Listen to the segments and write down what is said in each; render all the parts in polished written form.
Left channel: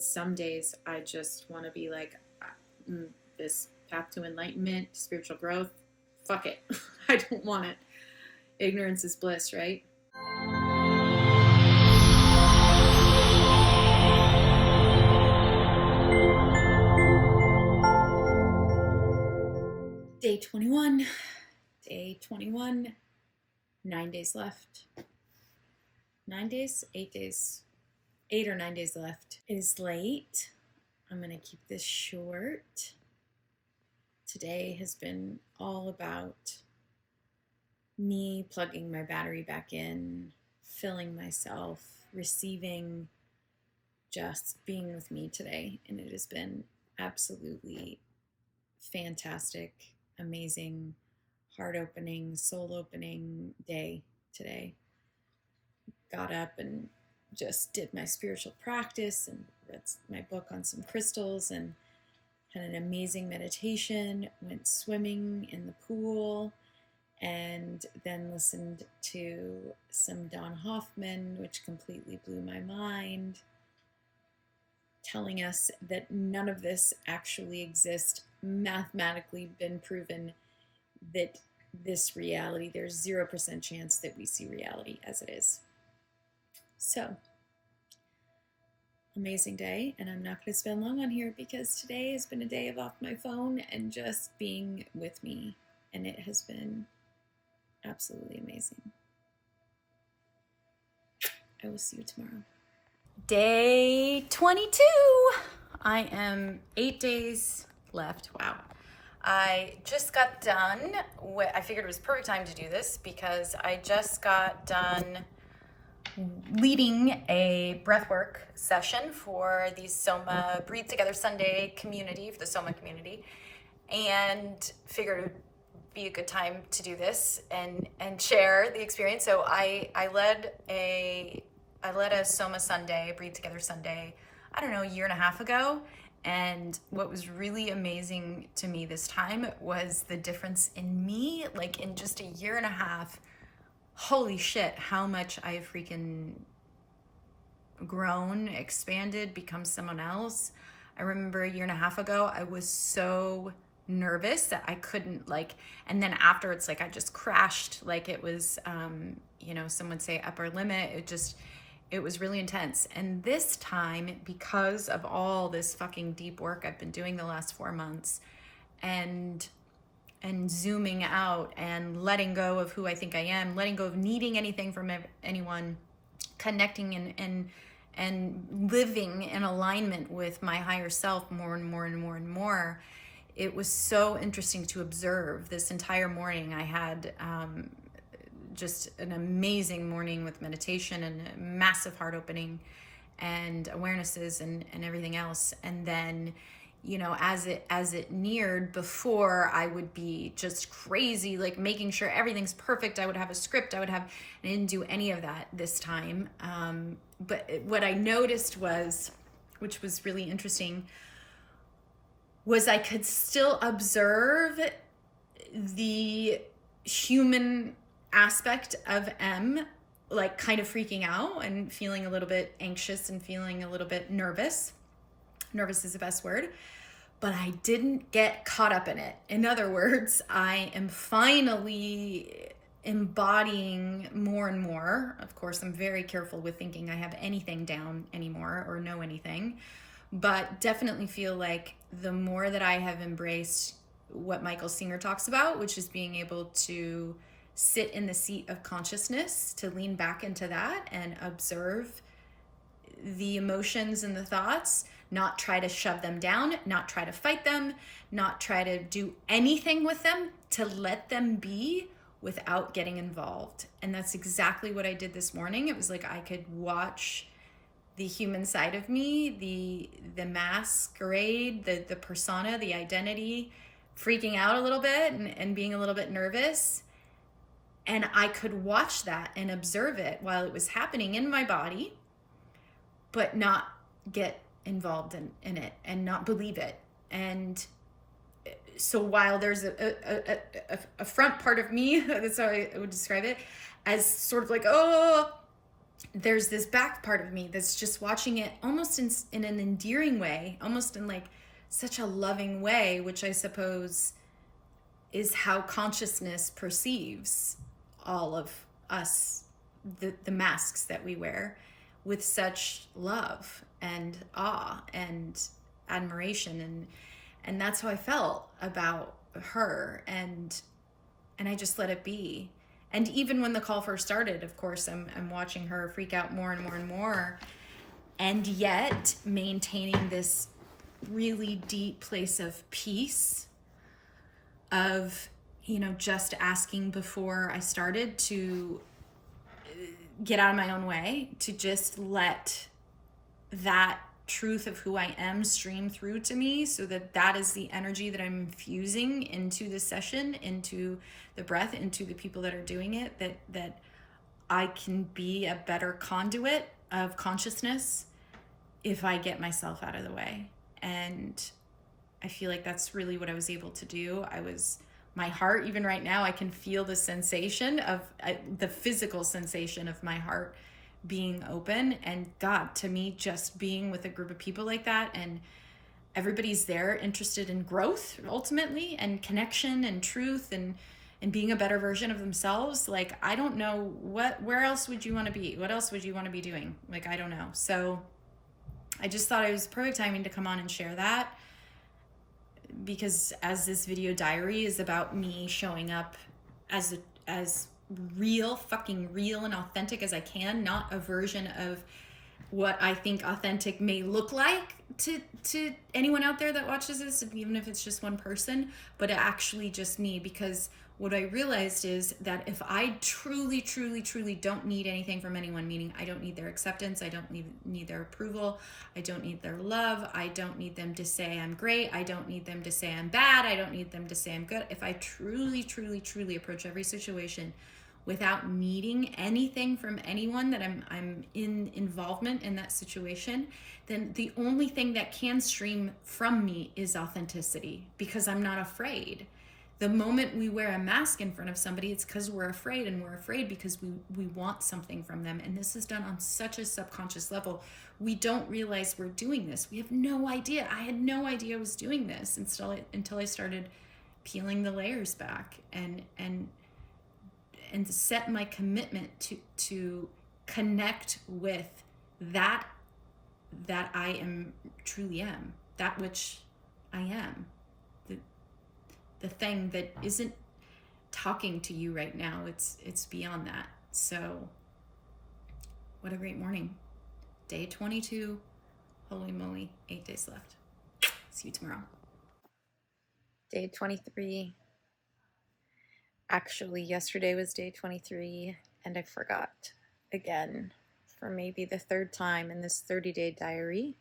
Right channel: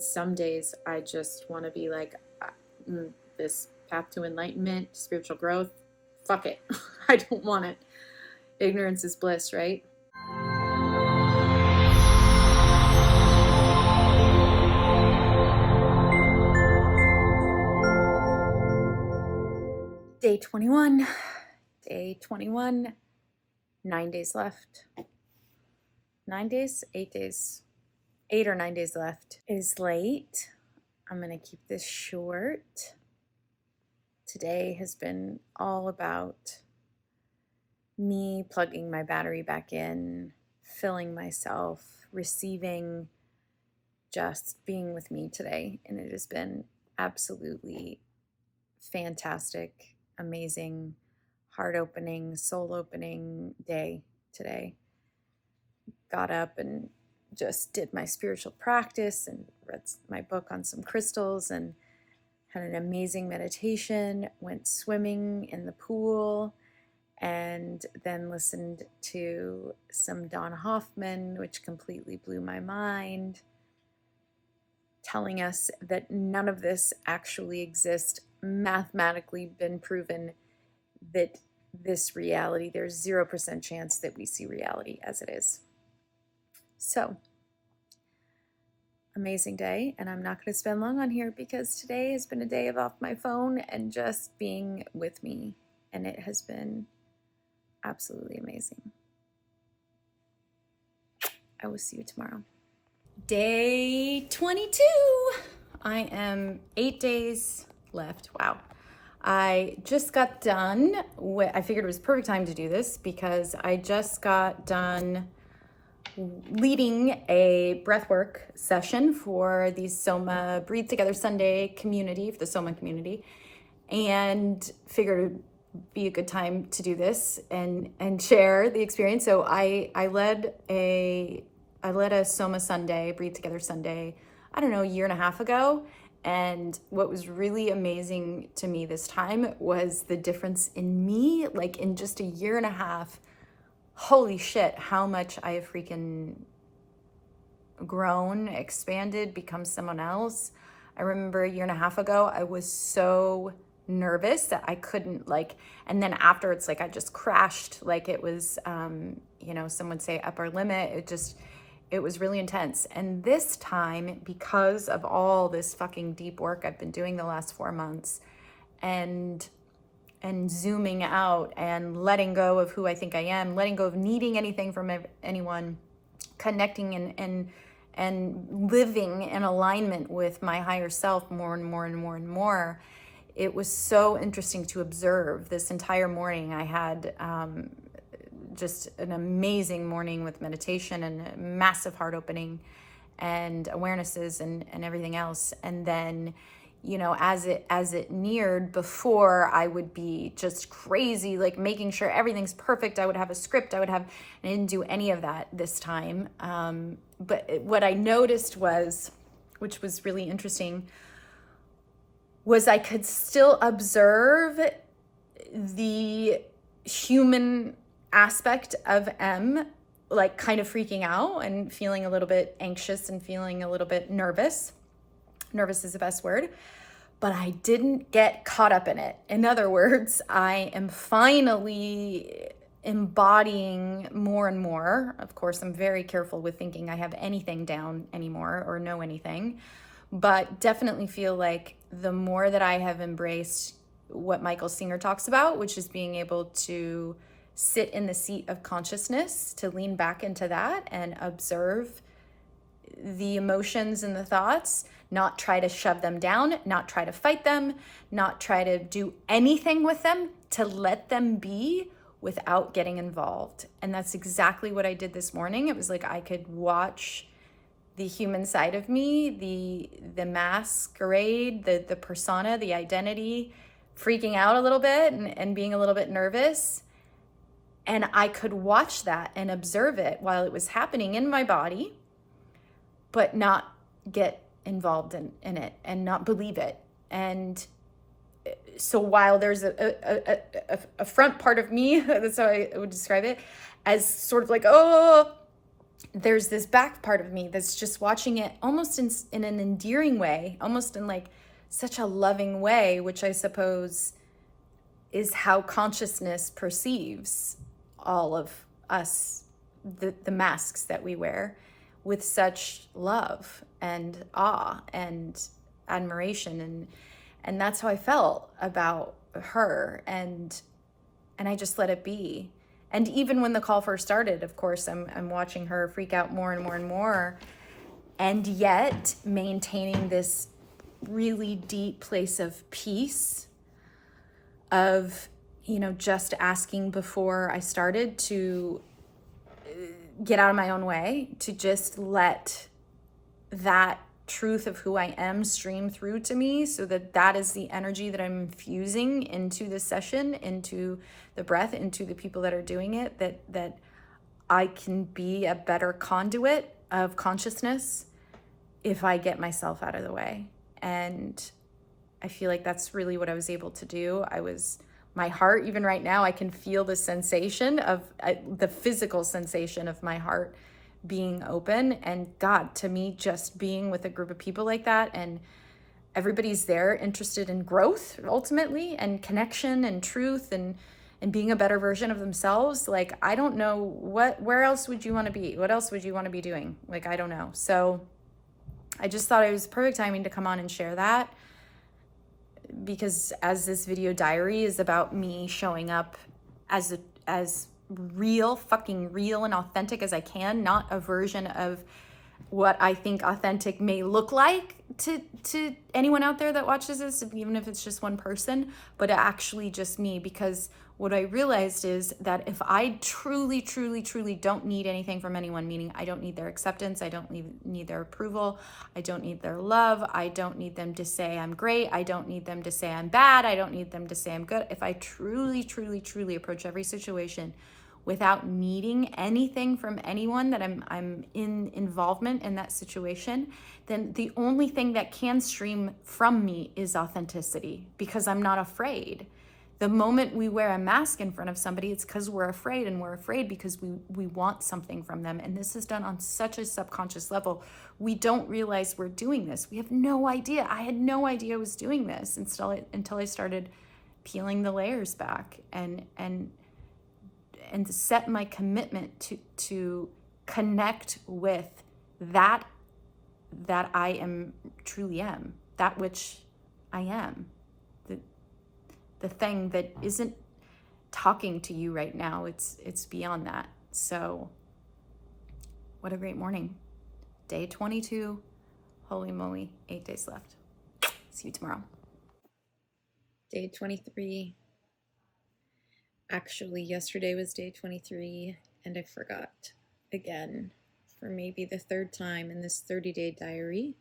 And some days I just want to be like, this path to enlightenment, spiritual growth, fuck it. I don't want it. Ignorance is bliss, right? Day 21, 9 days left. 9 days, 8 days, 8 or 9 days left. It is late. I'm going to keep this short. Today has been all about me plugging my battery back in, filling myself, receiving, just being with me today. And it has been absolutely fantastic, amazing, heart-opening, soul-opening day today. Got up and just did my spiritual practice and read my book on some crystals and had an amazing meditation, went swimming in the pool, and then listened to some Don Hoffman, which completely blew my mind, telling us that none of this actually exists, mathematically been proven that this reality, there's 0% chance that we see reality as it is. So, amazing day, and I'm not going to spend long on here because today has been a day of off my phone and just being with me, and it has been absolutely amazing. I will see you tomorrow. Day 22. I am 8 days left. Wow. I just got done I figured it was perfect time to do this because I just got done leading a breathwork session for the Soma Breathe Together Sunday community, for the Soma community, and figured it would be a good time to do this and share the experience. So I led a Soma Sunday, Breathe Together Sunday, I don't know, a year and a half ago. And what was really amazing to me this time was the difference in me, like in just a year and a half. Holy shit, how much I have freaking grown, expanded, become someone else. I remember a year and a half ago, I was so nervous that I couldn't and then after it's like I just crashed, like it was, some would say upper limit. It was really intense. And this time, because of all this fucking deep work I've been doing the last 4 months and zooming out and letting go of who I think I am, letting go of needing anything from anyone, connecting and living in alignment with my higher self more and more and more and more. It was so interesting to observe this entire morning. I had just an amazing morning with meditation and massive heart opening and awarenesses and everything else. And then, as it neared, before I would be just crazy, like making sure everything's perfect. I would have a script. I didn't do any of that this time. But what I noticed which was really interesting, was I could still observe the human aspect of M, like kind of freaking out and feeling a little bit anxious and feeling a little bit nervous. Nervous is the best word, but I didn't get caught up in it. In other words, I am finally embodying more and more. Of course, I'm very careful with thinking I have anything down anymore or know anything, but definitely feel like the more that I have embraced what Michael Singer talks about, which is being able to sit in the seat of consciousness, to lean back into that and observe the emotions and the thoughts, not try to shove them down, not try to fight them, not try to do anything with them, to let them be without getting involved. And that's exactly what I did this morning. It was like I could watch the human side of me, the masquerade, the persona, the identity, freaking out a little bit and being a little bit nervous. And I could watch that and observe it while it was happening in my body, but not get involved in it and not believe it. And so while there's a front part of me, that's how I would describe it, as sort of like, oh, there's this back part of me that's just watching it almost in an endearing way, almost in like such a loving way, which I suppose is how consciousness perceives all of us, the masks that we wear, with such love and awe and admiration. And that's how I felt about her. And I just let it be. And even when the call first started, of course, I'm watching her freak out more and more and more, and yet maintaining this really deep place of peace, of, you know, just asking before I started to get out of my own way, to just let that truth of who I am stream through to me, so that that is the energy that I'm infusing into this session, into the breath, into the people that are doing it, that I can be a better conduit of consciousness if I get myself out of the way. And I feel like that's really what I was able to do. My heart, even right now, I can feel the sensation of the physical sensation of my heart being open. And God, to me, just being with a group of people like that, and everybody's there interested in growth ultimately, and connection and truth, and being a better version of themselves. Like, I don't know where else would you want to be? What else would you want to be doing? Like, I don't know. So I just thought it was perfect timing to come on and share that, because as this video diary is about me showing up as fucking real and authentic as I can, not a version of what I think authentic may look like to anyone out there that watches this, even if it's just one person, but actually just me. Because what I realized is that if I truly, truly, truly don't need anything from anyone, meaning I don't need their acceptance, I don't need their approval, I don't need their love, I don't need them to say I'm great, I don't need them to say I'm bad, I don't need them to say I'm good. If I truly, truly, truly approach every situation without needing anything from anyone, that I'm in involvement in that situation, then the only thing that can stream from me is authenticity, because I'm not afraid. The moment we wear a mask in front of somebody, it's because we're afraid, and we're afraid because we want something from them. And this is done on such a subconscious level. We don't realize we're doing this. We have no idea. I had no idea I was doing this until I started peeling the layers back and set my commitment to connect with that I am, truly am, that which I am, the thing that isn't talking to you right now. It's beyond that. So what a great morning. Day 22. Holy moly, 8 days left. See you tomorrow. Day 23. Actually, yesterday was day 23, and I forgot again for maybe the third time in this 30-day diary.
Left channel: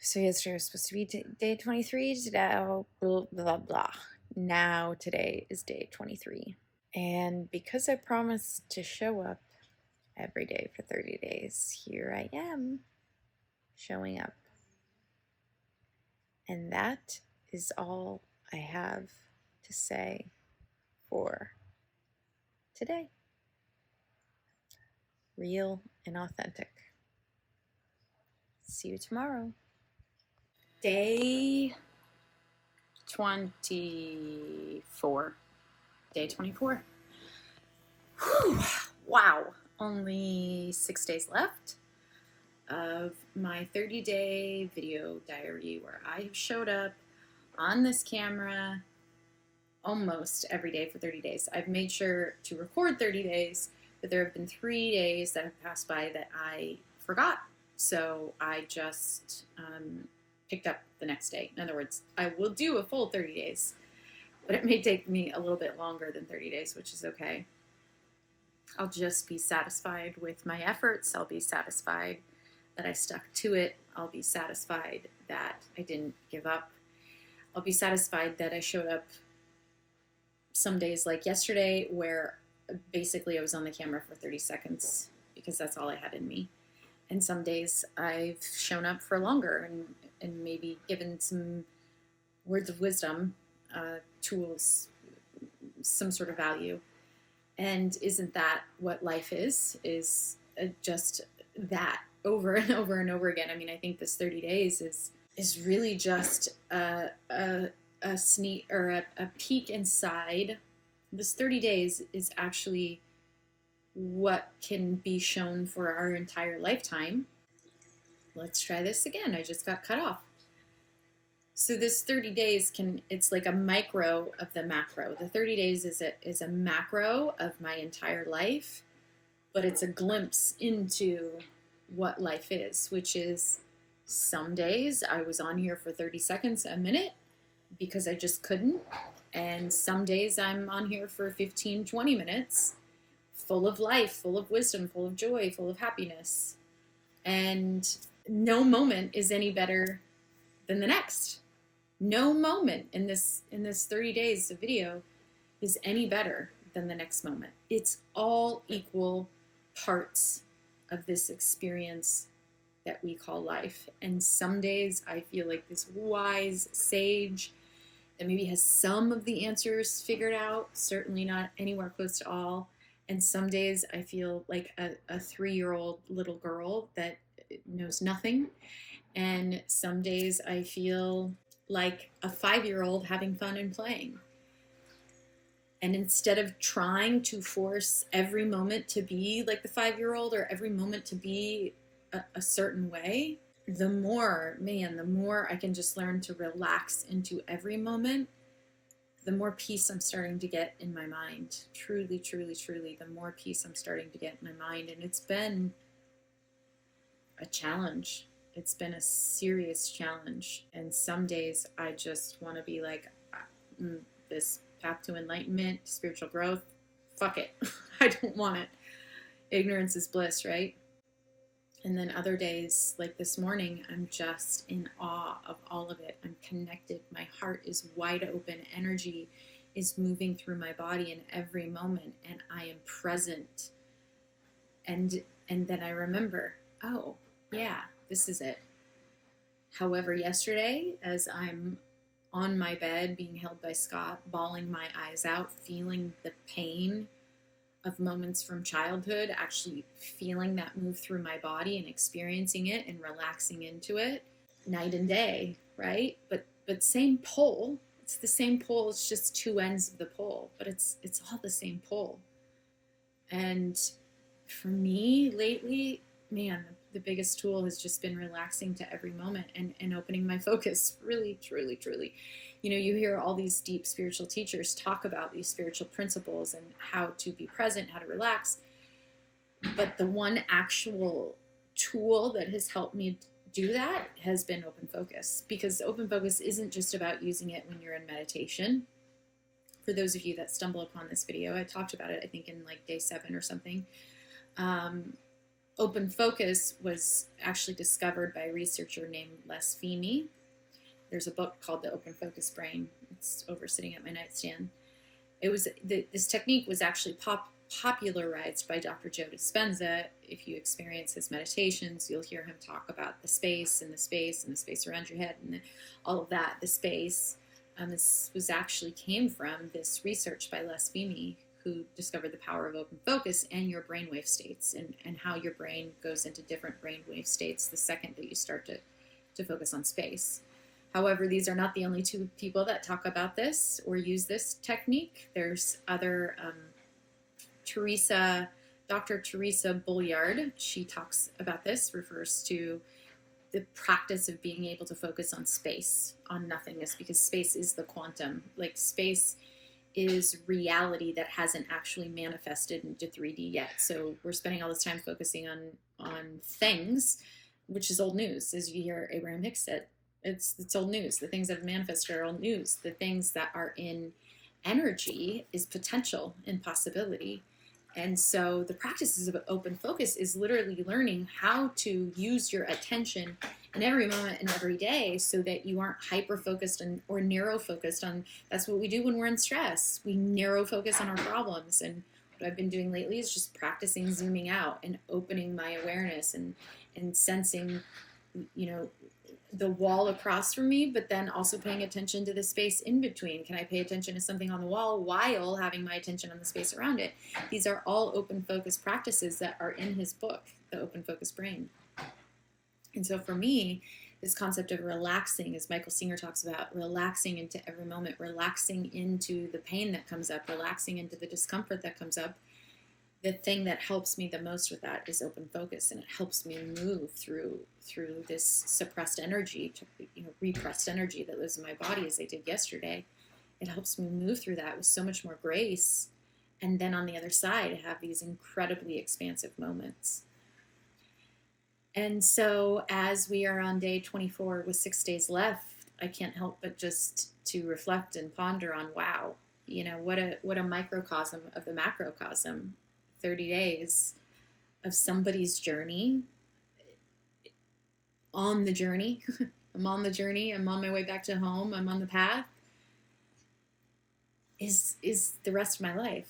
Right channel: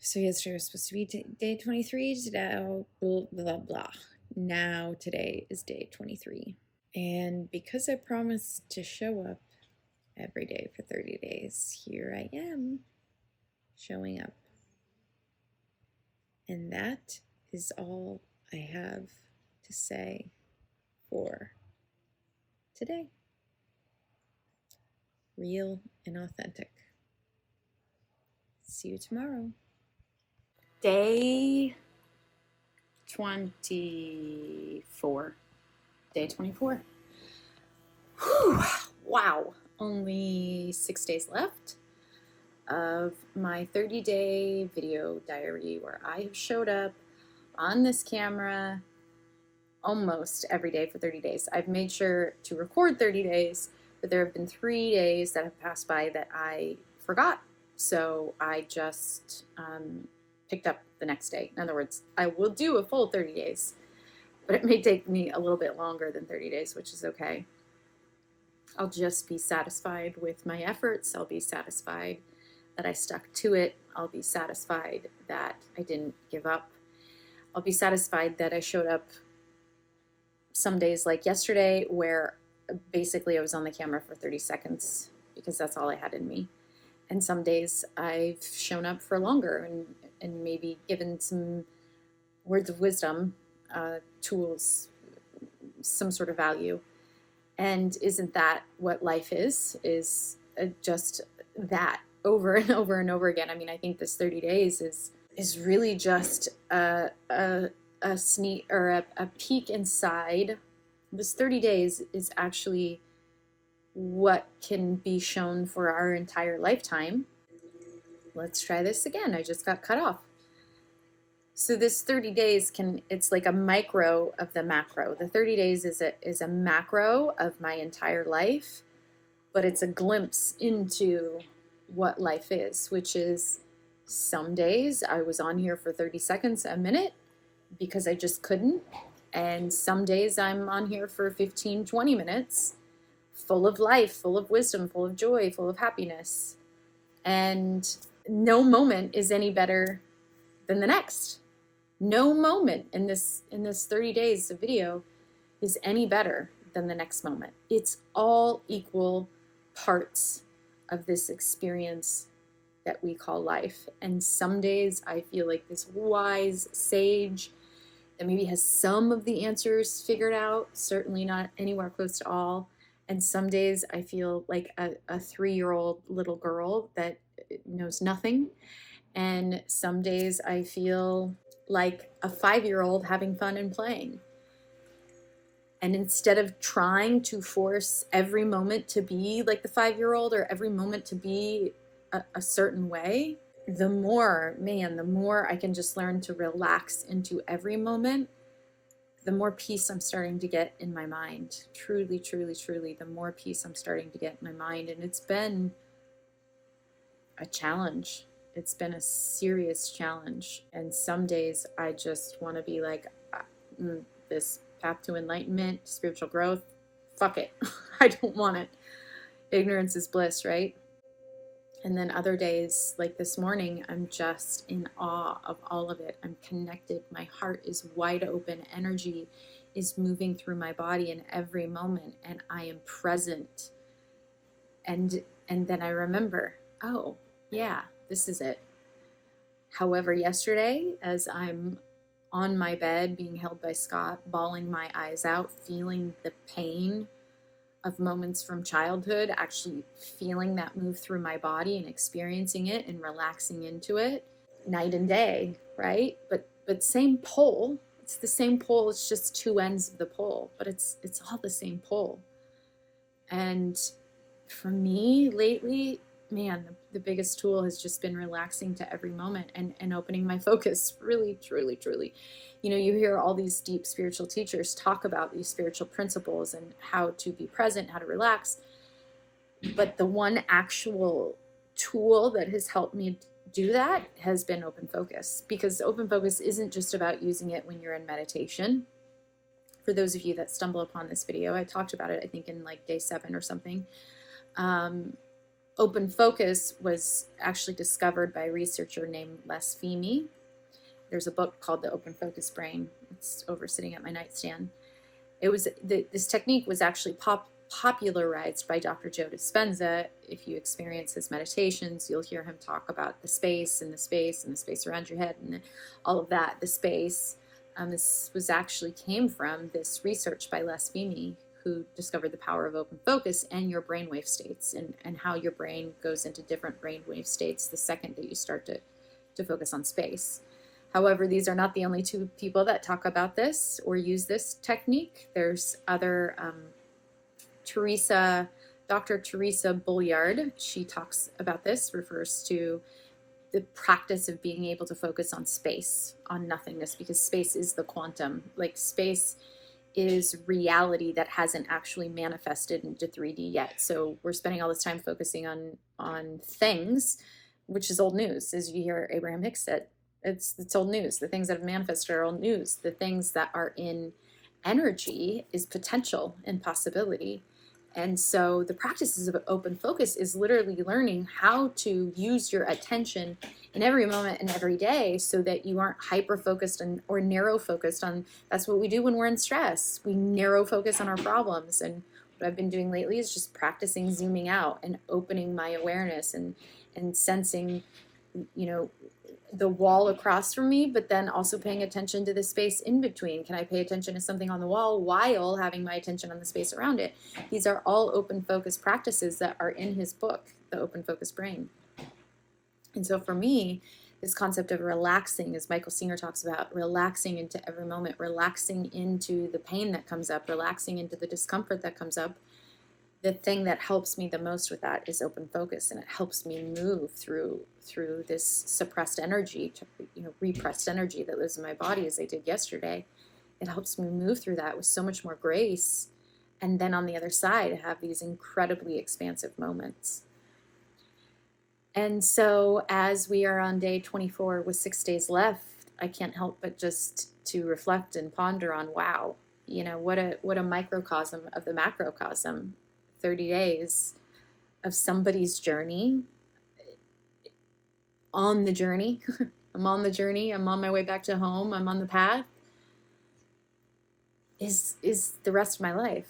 So yesterday was supposed to be day 23, today, blah, blah, blah. Now today is day 23. And because I promised to show up every day for 30 days, here I am showing up. And that is all I have to say for today. Real and authentic. See you tomorrow. Day 24. Day 24. Whew. Wow. Only 6 days left of my 30-day video diary, where I have showed up on this camera almost every day for 30 days. I've made sure to record 30 days, but there have been 3 days that have passed by that I forgot. So I just picked up the next day. In other words, I will do a full 30 days, but it may take me a little bit longer than 30 days, which is okay. I'll just be satisfied with my efforts. I'll be satisfied that I stuck to it. I'll be satisfied that I didn't give up. I'll be satisfied that I showed up some days like yesterday, where basically I was on the camera for 30 seconds because that's all I had in me. And some days I've shown up for longer and maybe given some words of wisdom, tools, some sort of value. And isn't that what life is just that over and over and over again. I mean, I think this 30 days is really just a sneak or a peek inside. This 30 days is actually what can be shown for our entire lifetime. Let's try this again. I just got cut off. So this 30 days it's like a micro of the macro. The 30 days is a macro of my entire life, but it's a glimpse into what life is, which is some days I was on here for 30 seconds, a minute, because I just couldn't. And some days I'm on here for 15, 20 minutes, full of life, full of wisdom, full of joy, full of happiness. And no moment is any better than the next. No moment in this 30 days of video is any better than the next moment. It's all equal parts of this experience that we call life. And some days I feel like this wise sage that maybe has some of the answers figured out, certainly not anywhere close to all. And some days I feel like a 3-year-old little girl that knows nothing. And some days I feel like a 5-year-old having fun and playing. And instead of trying to force every moment to be like the 5-year-old or every moment to be a certain way, the more I can just learn to relax into every moment, the more peace I'm starting to get in my mind. Truly, truly, truly, the more peace I'm starting to get in my mind. And it's been a challenge. It's been a serious challenge. And some days I just want to be like, this path to enlightenment, spiritual growth, fuck it. I don't want it. Ignorance is bliss, right? And then other days, like this morning, I'm just in awe of all of it. I'm connected. My heart is wide open. Energy is moving through my body in every moment, and I am present. And then I remember, oh, yeah, this is it. However, yesterday, as I'm on my bed being held by Scott, bawling my eyes out, feeling the pain of moments from childhood, actually feeling that move through my body and experiencing it and relaxing into it, night and day, right? But same pole. It's the same pole. It's just two ends of the pole, but it's all the same pole. And for me lately, man, the biggest tool has just been relaxing to every moment and opening my focus. Really, truly, truly. You know, you hear all these deep spiritual teachers talk about these spiritual principles and how to be present, how to relax. But the one actual tool that has helped me do that has been open focus, because open focus isn't just about using it when you're in meditation. For those of you that stumble upon this video, I talked about it, I think in like day 7 or something. Open focus was actually discovered by a researcher named Les Fehmi. There's a book called The Open Focus Brain. It's over sitting at my nightstand. This technique was actually popularized by Dr. Joe Dispenza. If you experience his meditations, you'll hear him talk about the space and the space and the space around your head and all of that. The space. This was actually came from this research by Les Fehmi, who discovered the power of open focus and your brainwave states and how your brain goes into different brainwave states the second that you start to focus on space. However, these are not the only 2 people that talk about this or use this technique. There's other, Dr. Teresa Bollard, she talks about this, refers to the practice of being able to focus on space, on nothingness, because space is the quantum. Like, space is reality that hasn't actually manifested into 3D yet. So we're spending all this time focusing on things, which is old news, as you hear Abraham Hicks said. It's old news. The things that have manifested are old news. The things that are in energy is potential and possibility. And so the practices of open focus is literally learning how to use your attention in every moment and every day so that you aren't hyper-focused or narrow-focused on, that's what we do when we're in stress. We narrow-focus on our problems. And what I've been doing lately is just practicing zooming out and opening my awareness and sensing, you know, the wall across from me, but then also paying attention to the space in between. Can I pay attention to something on the wall while having my attention on the space around it? These are all open focus practices that are in his book, The Open Focus Brain. And so for me, this concept of relaxing, as Michael Singer talks about, relaxing into every moment, relaxing into the pain that comes up, relaxing into the discomfort that comes up, the thing that helps me the most with that is open focus, and it helps me move through this suppressed energy, repressed energy that lives in my body, as I did yesterday. It helps me move through that with so much more grace, and then on the other side have these incredibly expansive moments. And so as we are on day 24 with 6 days left, I can't help but just to reflect and ponder on, wow, what a microcosm of the macrocosm. 30 days of somebody's journey, on the journey. I'm on the journey. I'm on my way back to home. I'm on the path. Is the rest of my life.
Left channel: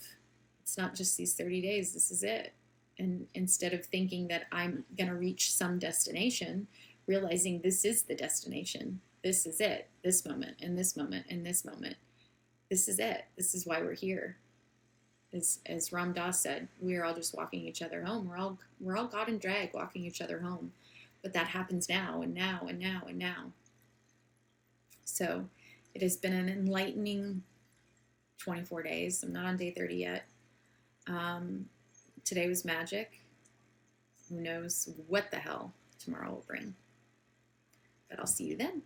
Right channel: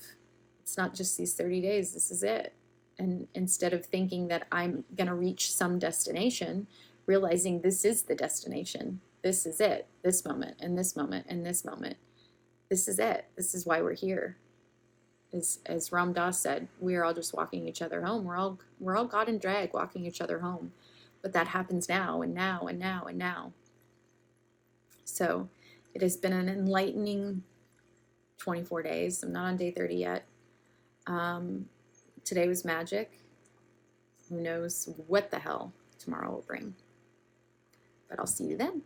It's not just these 30 days. This is it. And instead of thinking that I'm going to reach some destination, realizing this is the destination. This is it. This moment and this moment and this moment. This is it. This is why we're here. As Ram Dass said, we're all just walking each other home. We're all God and drag walking each other home. But that happens now and now and now and now. So it has been an enlightening 24 days. I'm not on day 30 yet. Today was magic. Who knows what the hell tomorrow will bring. But I'll see you then.